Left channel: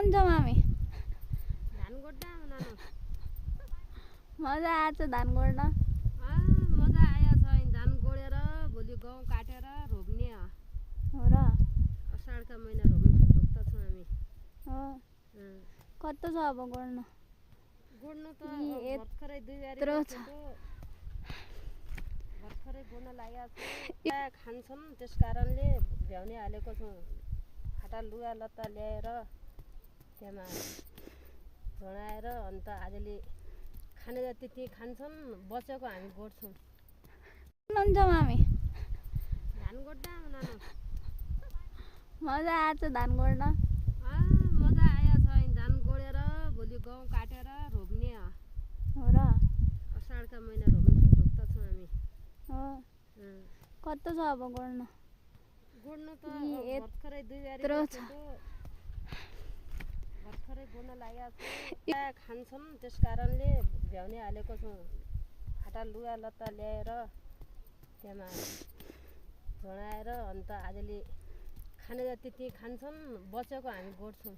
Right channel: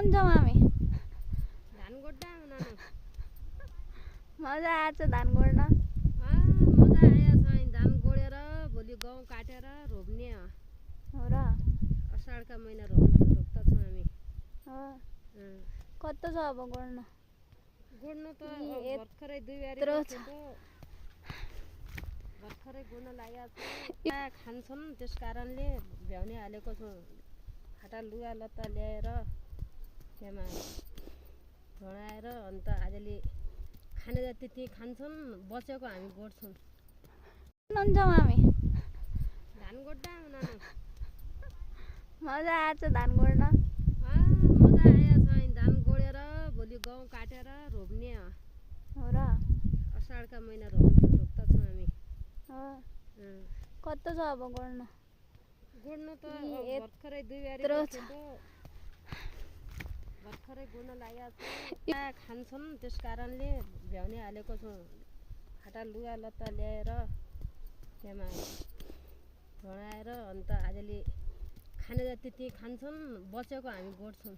हुनुहुन्छ मामी? धान गोड्दा नानु मजा आएछ धान गोड्न। मजा आएछ। धान गोडेर भोलि गहुँ काटेर रोप्ने हो र? असाढका महिना रोप्ता छौँ हामी। हो। कस्तो छ अब गोड्नु? गोड्नु त भर्खरै 2 बारी भर्खरै गोड्न लागेको छु। खान्छन् त्यस कारणले भ्याउने हालेको छौँ। फाटा लुगा लत्ता ल्याएर त्यहाँ भणाएर अन्त आजले खाने जति ती खान्छन्, बचेको हामी गोड्छौँ। हुनुहुन्छ मामी? धान गोड्दा नानु मजा आएछ धान गोड्न। मजा आएछ। धान गोडेर भोलि गहुँ काटेर रोप्ने हो र? असाढका महिना रोप्ता छौँ हामी। हो। कस्तो छ अब गोड्नु? गोड्नु त भर्खरै 2 बारी भर्खरै गोड्न लागेको छु। खान्छन् त्यस कारणले भ्याउने हालेको छौँ। फाटा लुगा लत्ता ल्याएर त्यहाँ भणाएर अन्त आजले खाने जति ती खान्छन्, बचेको हामी गोड्छौँ।